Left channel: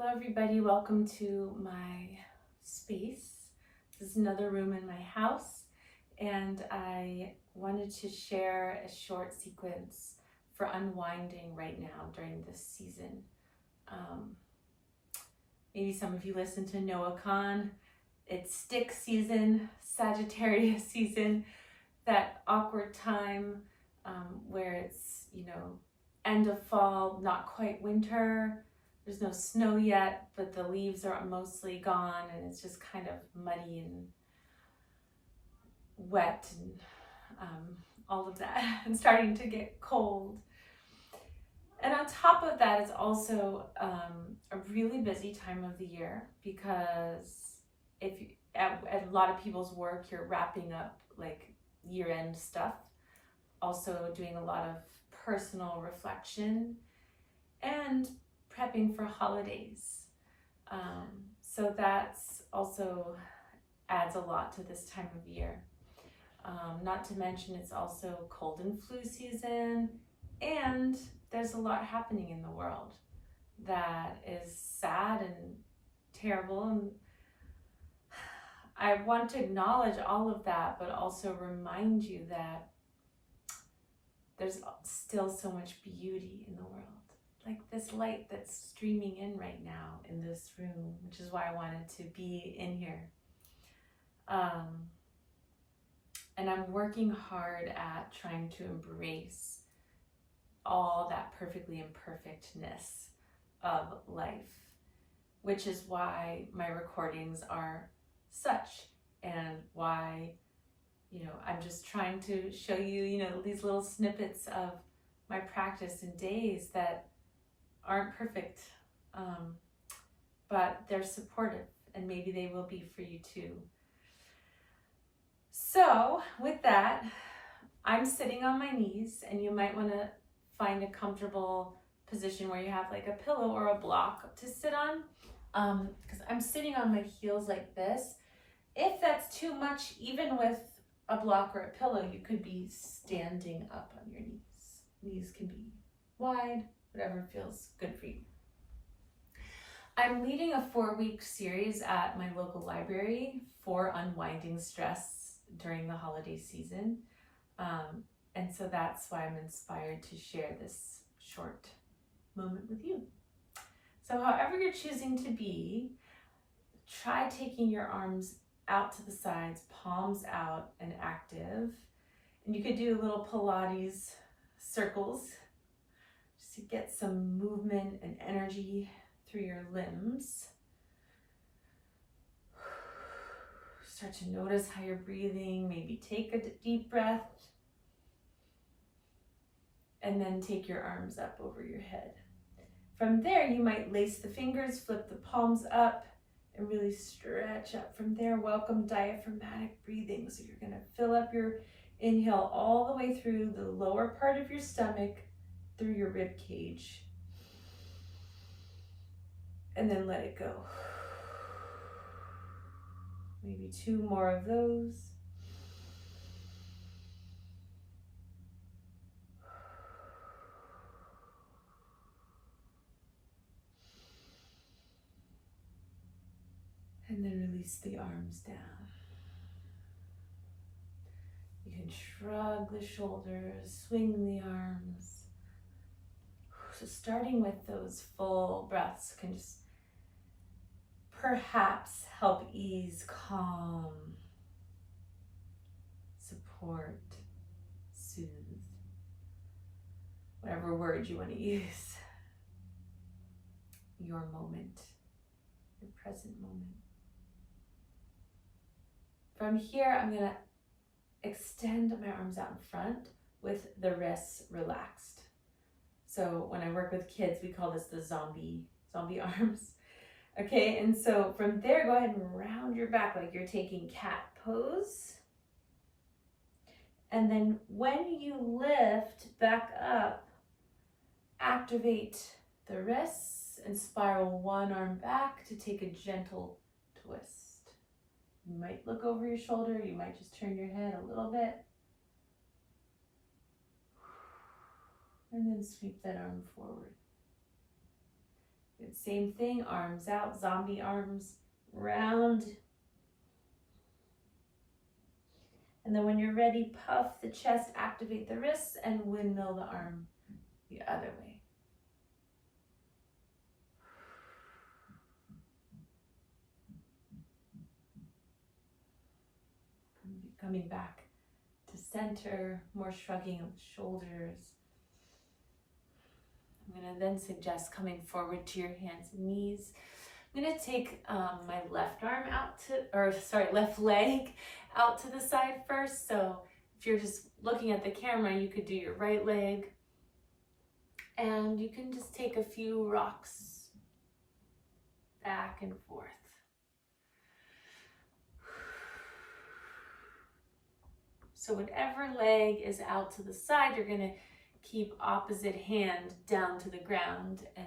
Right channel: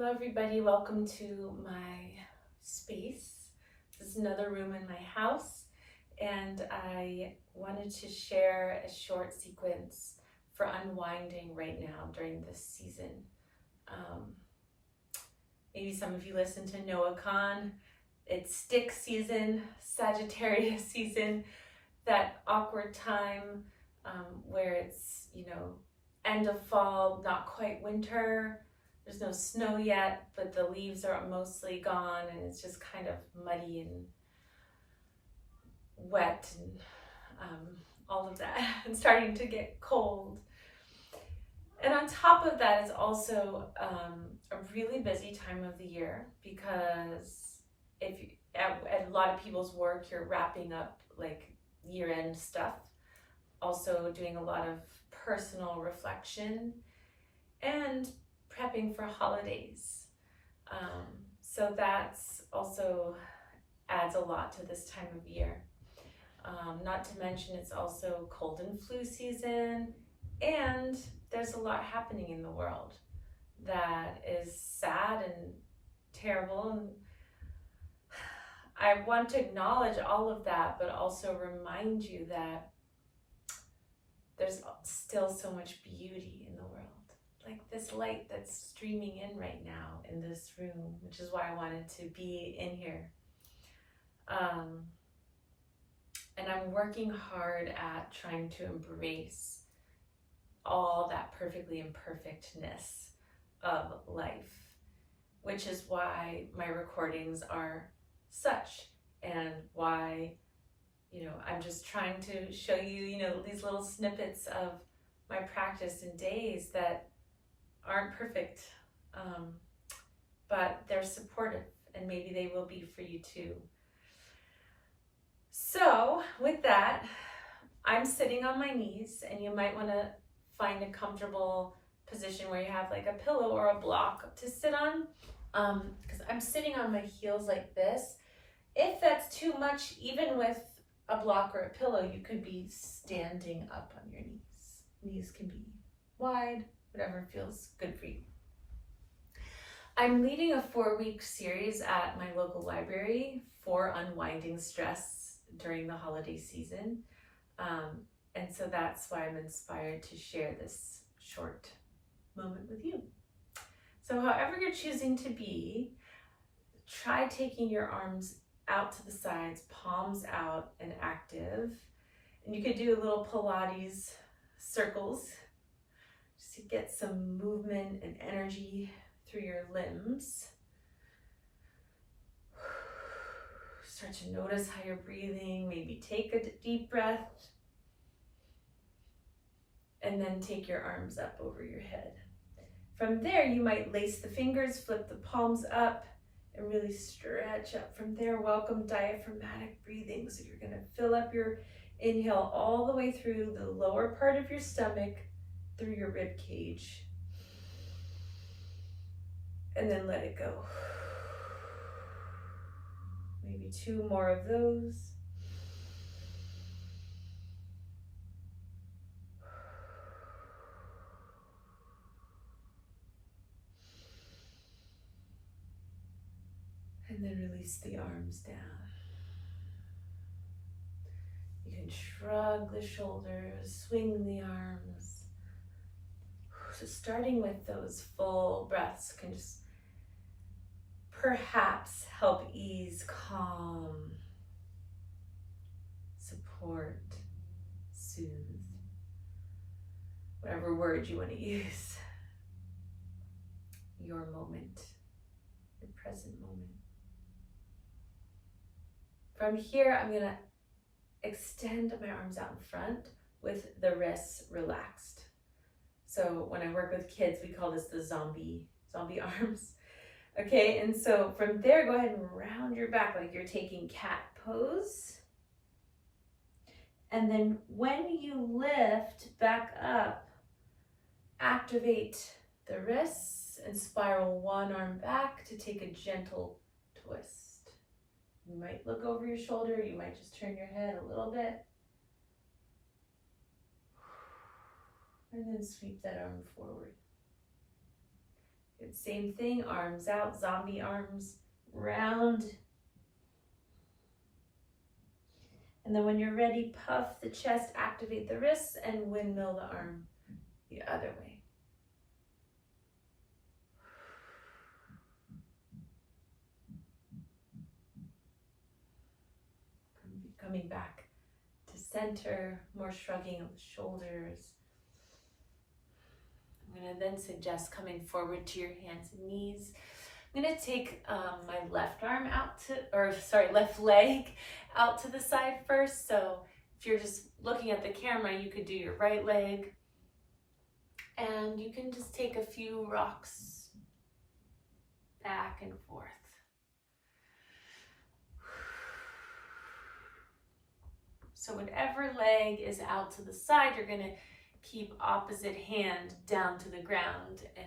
Hello everybody, welcome to my space. This is another room in my house, and I wanted to share a short sequence for unwinding right now during this season. Maybe some of you listen to Noah Khan. It's stick season, Sagittarius season, that awkward time where it's, end of fall, not quite winter. There's no snow yet, but the leaves are mostly gone and it's just kind of muddy and wet and all of that and starting to get cold. And on top of that, it's also a really busy time of the year because if you, at a lot of people's work, you're wrapping up like year-end stuff, also doing a lot of personal reflection and prepping for holidays. So that's also adds a lot to this time of year. Not to mention it's also cold and flu season, and there's a lot happening in the world that is sad and terrible. And I want to acknowledge all of that, but also remind you that there's still so much beauty in the world. Like this light that's streaming in right now in this room, which is why I wanted to be in here. And I'm working hard at trying to embrace all that perfectly imperfectness of life, which is why my recordings are such, and why, I'm just trying to show you, these little snippets of my practice in days that aren't perfect, but they're supportive, and maybe they will be for you too. So with that, I'm sitting on my knees, and you might want to find a comfortable position where you have like a pillow or a block to sit on, because I'm sitting on my heels like this. If that's too much, even with a block or a pillow, you could be standing up on your knees. Knees can be wide, whatever feels good for you. I'm leading a 4-week series at my local library for unwinding stress during the holiday season. And so that's why I'm inspired to share this short moment with you. So however you're choosing to be, try taking your arms out to the sides, palms out and active. And you could do a little Pilates circles just to get some movement and energy through your limbs. Start to notice how you're breathing. Maybe take a deep breath and then take your arms up over your head. From there, you might lace the fingers, flip the palms up, and really stretch up from there. Welcome diaphragmatic breathing. So you're going to fill up your inhale all the way through the lower part of your stomach, through your rib cage, and then let it go. Maybe 2 more of those. And then release the arms down. You can shrug the shoulders, swing the arms. So starting with those full breaths can just perhaps help ease, calm, support, soothe, whatever word you want to use. Your moment, your present moment. From here, I'm going to extend my arms out in front with the wrists relaxed. So when I work with kids, we call this the zombie arms. Okay, and so from there, go ahead and round your back like you're taking cat pose. And then when you lift back up, activate the wrists and spiral one arm back to take a gentle twist. You might look over your shoulder, you might just turn your head a little bit. And then sweep that arm forward. Good, same thing, arms out, zombie arms, round. And then when you're ready, puff the chest, activate the wrists, and windmill the arm the other way. Coming back to center, more shrugging of the shoulders. I'm going to then suggest coming forward to your hands and knees. I'm going to take my left leg out to the side first. So if you're just looking at the camera, you could do your right leg. And you can just take a few rocks back and forth. So whatever leg is out to the side, you're going to keep opposite hand down to the ground and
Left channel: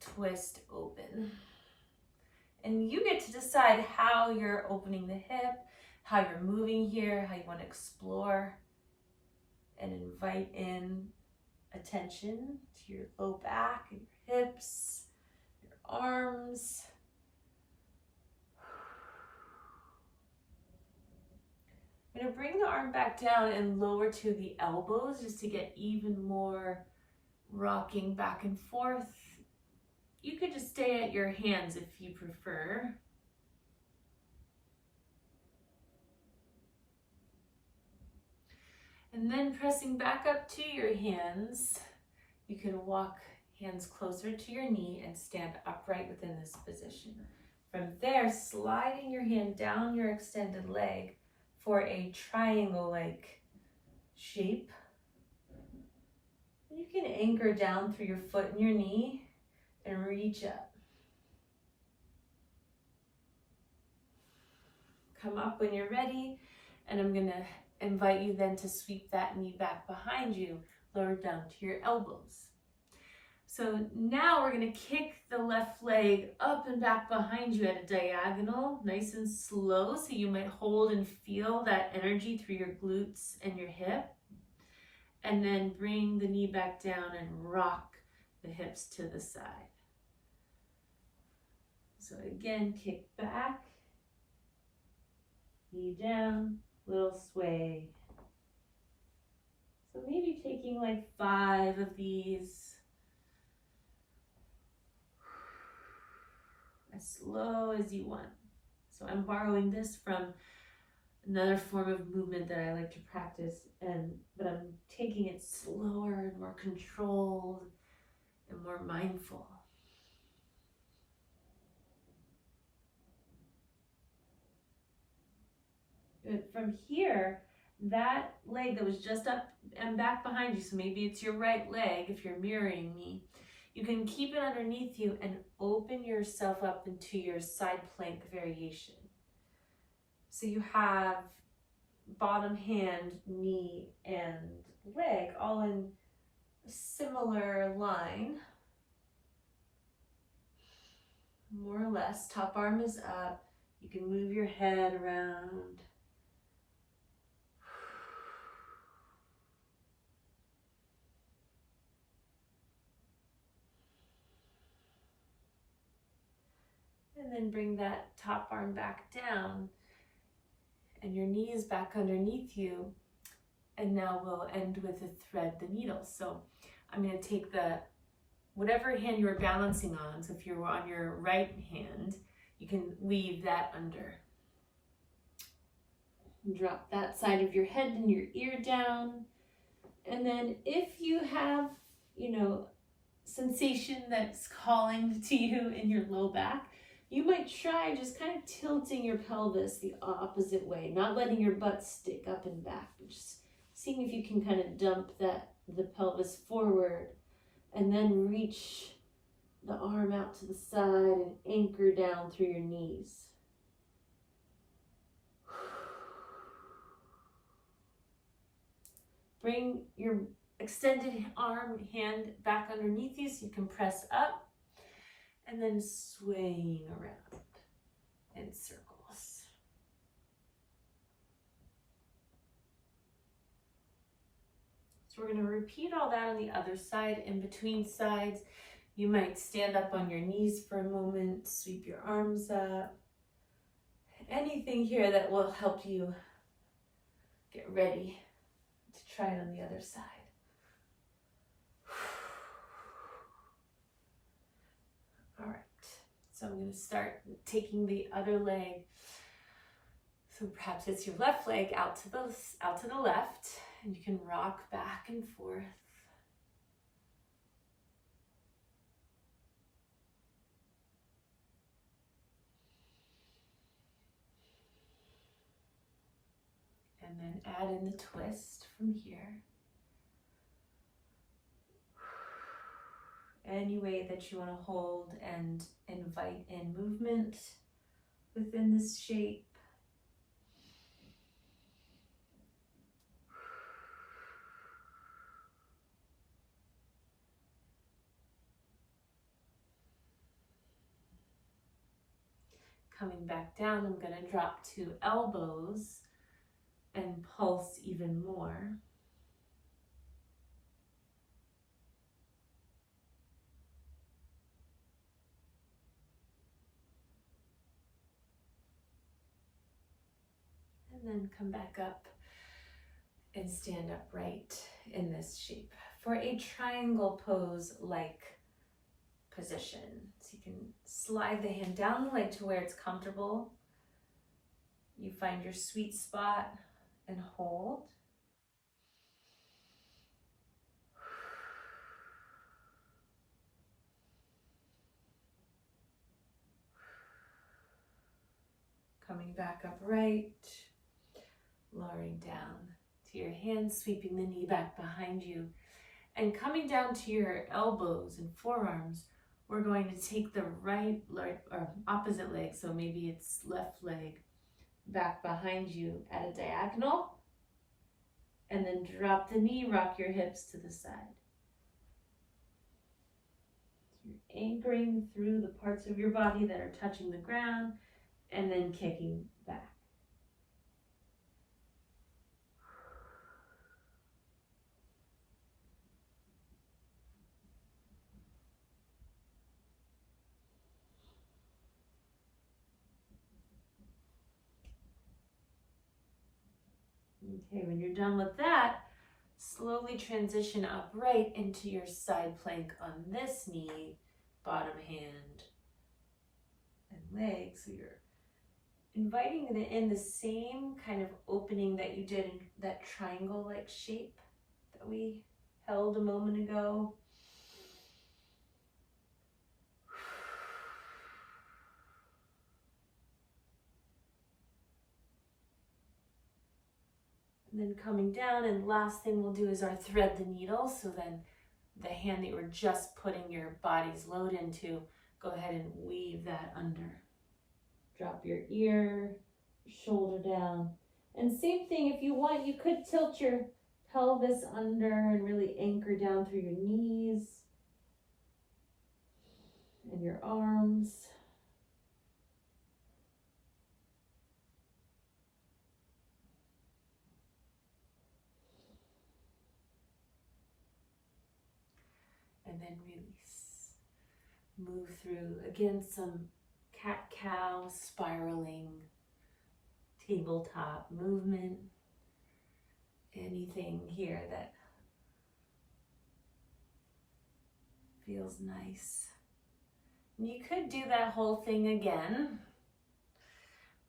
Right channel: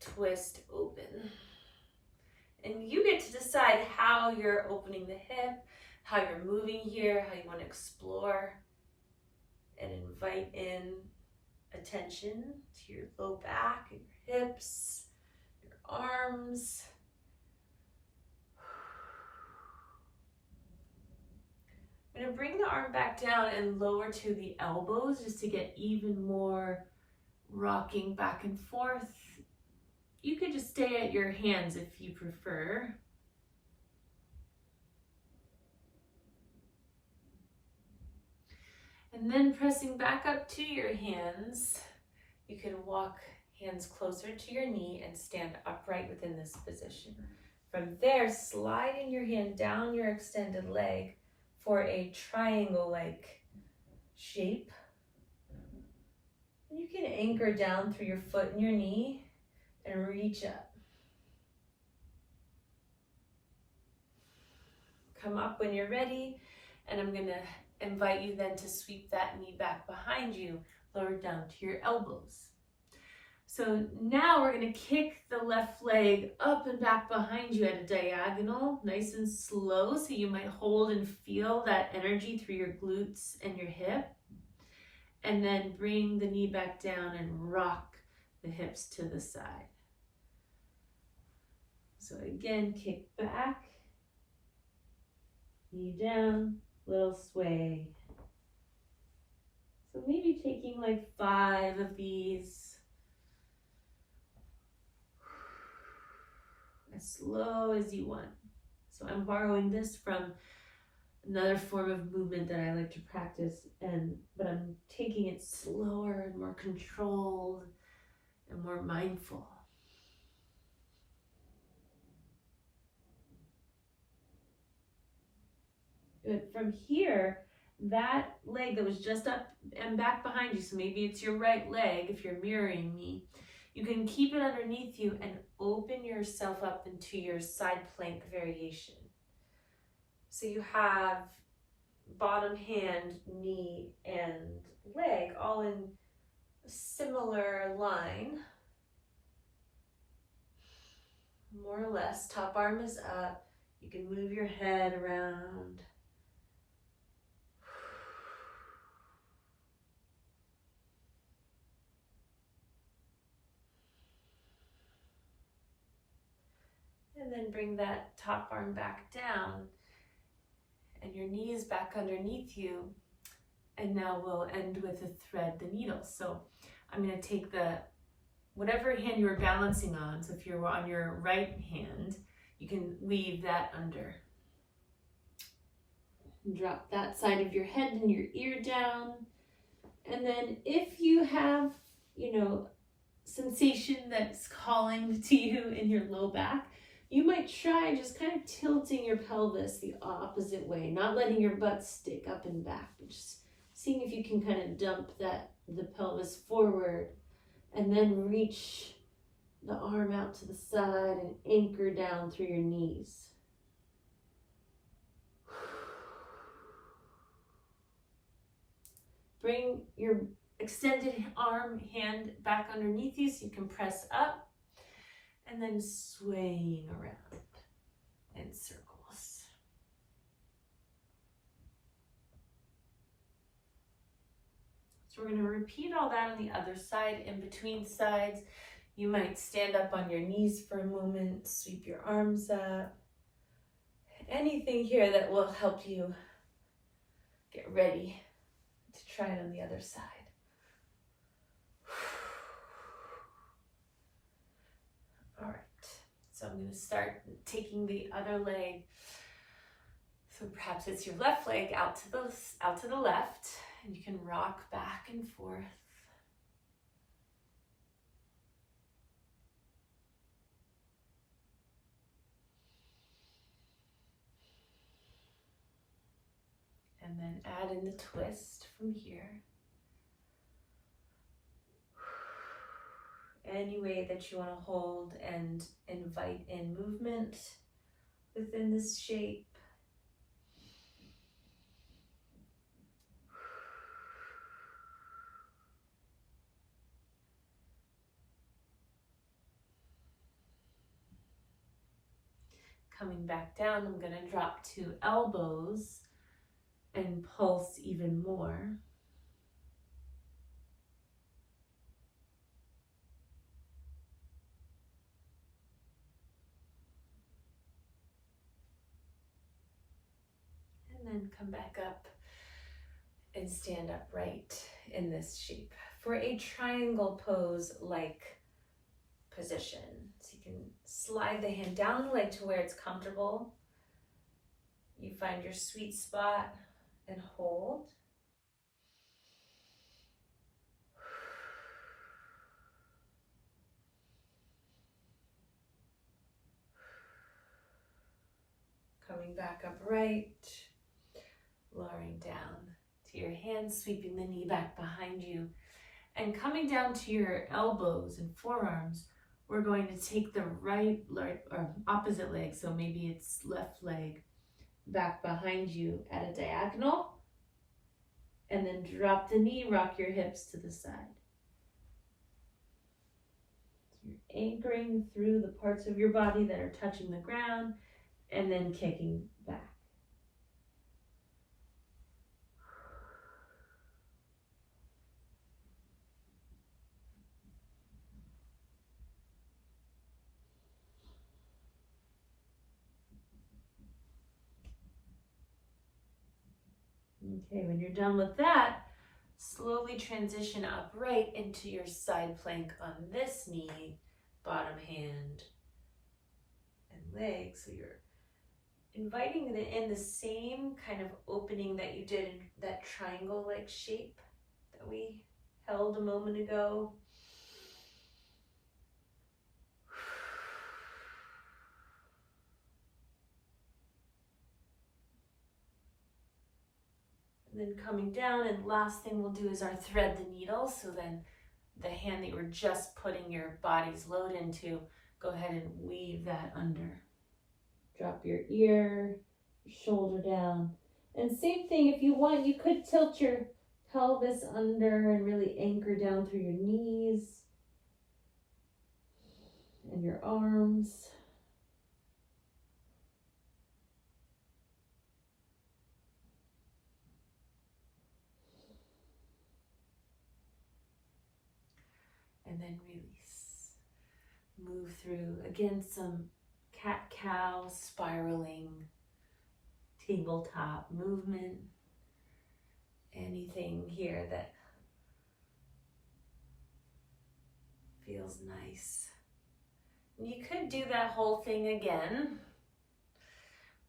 twist open. And you get to decide how you're opening the hip, how you're moving here, how you want to explore and invite in attention to your low back, and your hips, your arms. I'm going to bring the arm back down and lower to the elbows just to get even more rocking back and forth. You could just stay at your hands if you prefer. And then pressing back up to your hands, you can walk hands closer to your knee and stand upright within this position. From there, sliding your hand down your extended leg for a triangle-like shape. You can anchor down through your foot and your knee and reach up. Come up when you're ready, and I'm going to invite you then to sweep that knee back behind you, lower down to your elbows. So now we're going to kick the left leg up and back behind you at a diagonal, nice and slow, so you might hold and feel that energy through your glutes and your hip. And then bring the knee back down and rock the hips to the side. So again, kick back, knee down, little sway. So maybe taking like 5 of these. As slow as you want. So I'm borrowing this from another form of movement that I like to practice, but I'm taking it slower and more controlled and more mindful. Good. From here, that leg that was just up and back behind you, so maybe it's your right leg if you're mirroring me, you can keep it underneath you and open yourself up into your side plank variation. So you have bottom hand, knee, and leg all in a similar line. More or less, top arm is up. You can move your head around. And then bring that top arm back down and your knees back underneath you. And now we'll end with a thread the needle. So I'm going to take whatever hand you were balancing on. So if you're on your right hand, you can weave that under. Drop that side of your head and your ear down. And then if you have, sensation that's calling to you in your low back, you might try just kind of tilting your pelvis the opposite way, not letting your butt stick up and back, but just seeing if you can kind of dump the pelvis forward and then reach the arm out to the side and anchor down through your knees. Bring your extended hand back underneath you so you can press up. And then swaying around in circles. So we're going to repeat all that on the other side. In between sides, You might stand up on your knees for a moment, sweep your arms up. Anything here that will help you get ready to try it on the other side. All right, so I'm going to start taking the other leg. So perhaps it's your left leg out to the left, and you can rock back and forth. And then add in the twist from here. Any way that you want to hold and invite in movement within this shape. Coming back down, I'm going to drop to elbows and pulse even more. And then come back up and stand upright in this shape for a triangle pose-like position. So you can slide the hand down the leg to where it's comfortable. You find your sweet spot and hold. Coming back upright, lowering down to your hands, sweeping the knee back behind you, and coming down to your elbows and forearms. We're going to take the right or opposite leg, so maybe it's left leg, back behind you at a diagonal, and then drop the knee, rock your hips to the side. So you're anchoring through the parts of your body that are touching the ground, and then kicking back. Okay, when you're done with that, slowly transition upright into your side plank on this knee, bottom hand, and leg. So you're inviting in the same kind of opening that you did in that triangle-like shape that we held a moment ago. And then coming down, and last thing we'll do is our thread the needle. So then the hand that you were just putting your body's load into, go ahead and weave that under. Drop your ear, shoulder down. And same thing, if you want, you could tilt your pelvis under and really anchor down through your knees and your arms. And then release. Move through, again, some cat-cow, spiraling, tabletop movement. Anything here that feels nice. And you could do that whole thing again,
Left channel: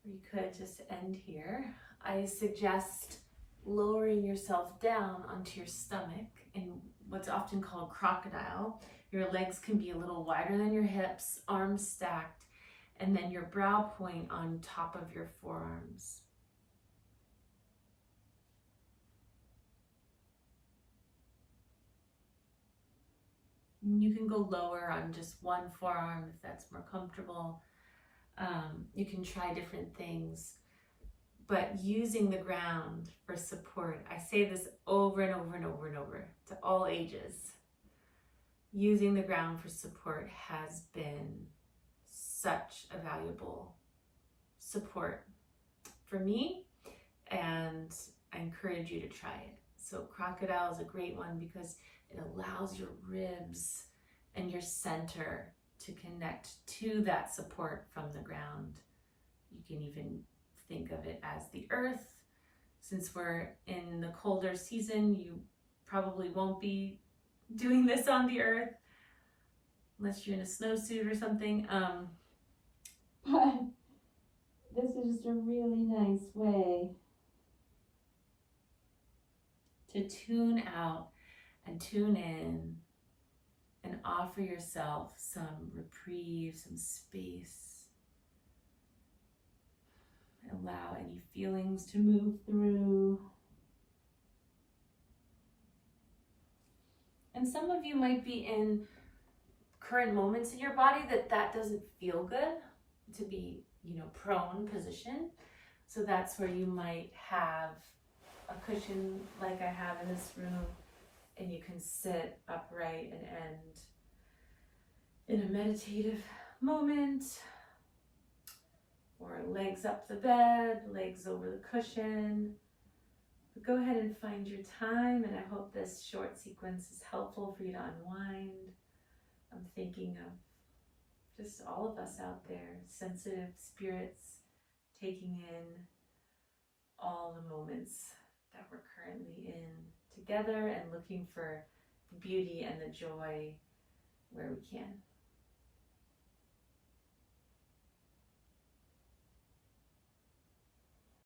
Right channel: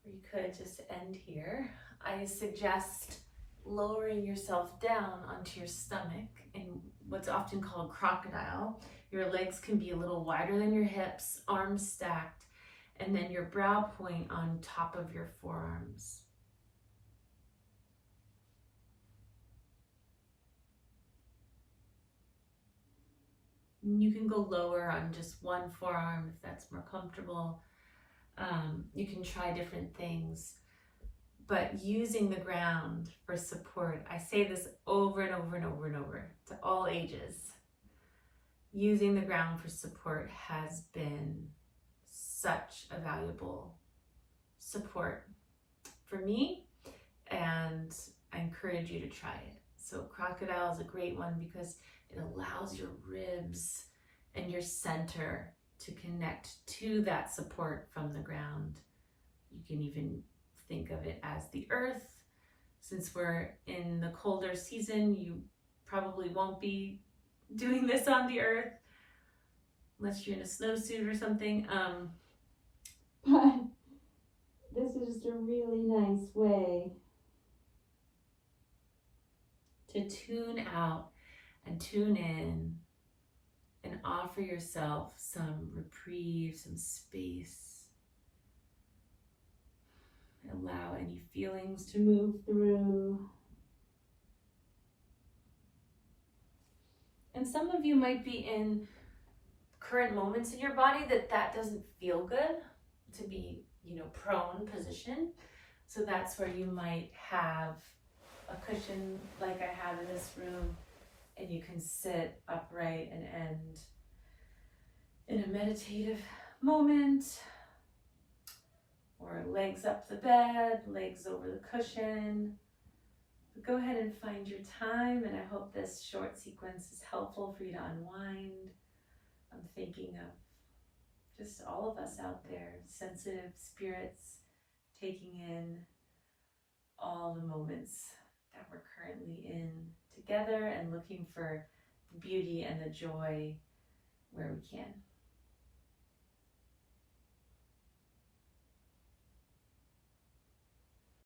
or you could just end here. I suggest lowering yourself down onto your stomach in what's often called crocodile. Your legs can be a little wider than your hips, arms stacked, and then your brow point on top of your forearms. You can go lower on just one forearm if that's more comfortable. You can try different things, but using the ground for support. I say this over and over and over and over to all ages. Using the ground for support has been such a valuable support for me, and I encourage you to try it. So crocodile is a great one because it allows your ribs and your center to connect to that support from the ground. You can even think of it as the earth. Since we're in the colder season, you probably won't be doing this on the earth unless you're in a snowsuit or something. But this is just a really nice way to tune out and tune in and offer yourself some reprieve, some space. Allow any feelings to move through. And some of you might be in current moments in your body that doesn't feel good to be, prone position. So that's where you might have a cushion like I have in this room, and you can sit upright and end in a meditative moment, or legs up the bed, legs over the cushion. But go ahead and find your time, and I hope this short sequence is helpful for you to unwind. I'm thinking of just all of us out there, sensitive spirits, taking in all the moments that we're currently in together and looking for the beauty and the joy where we can.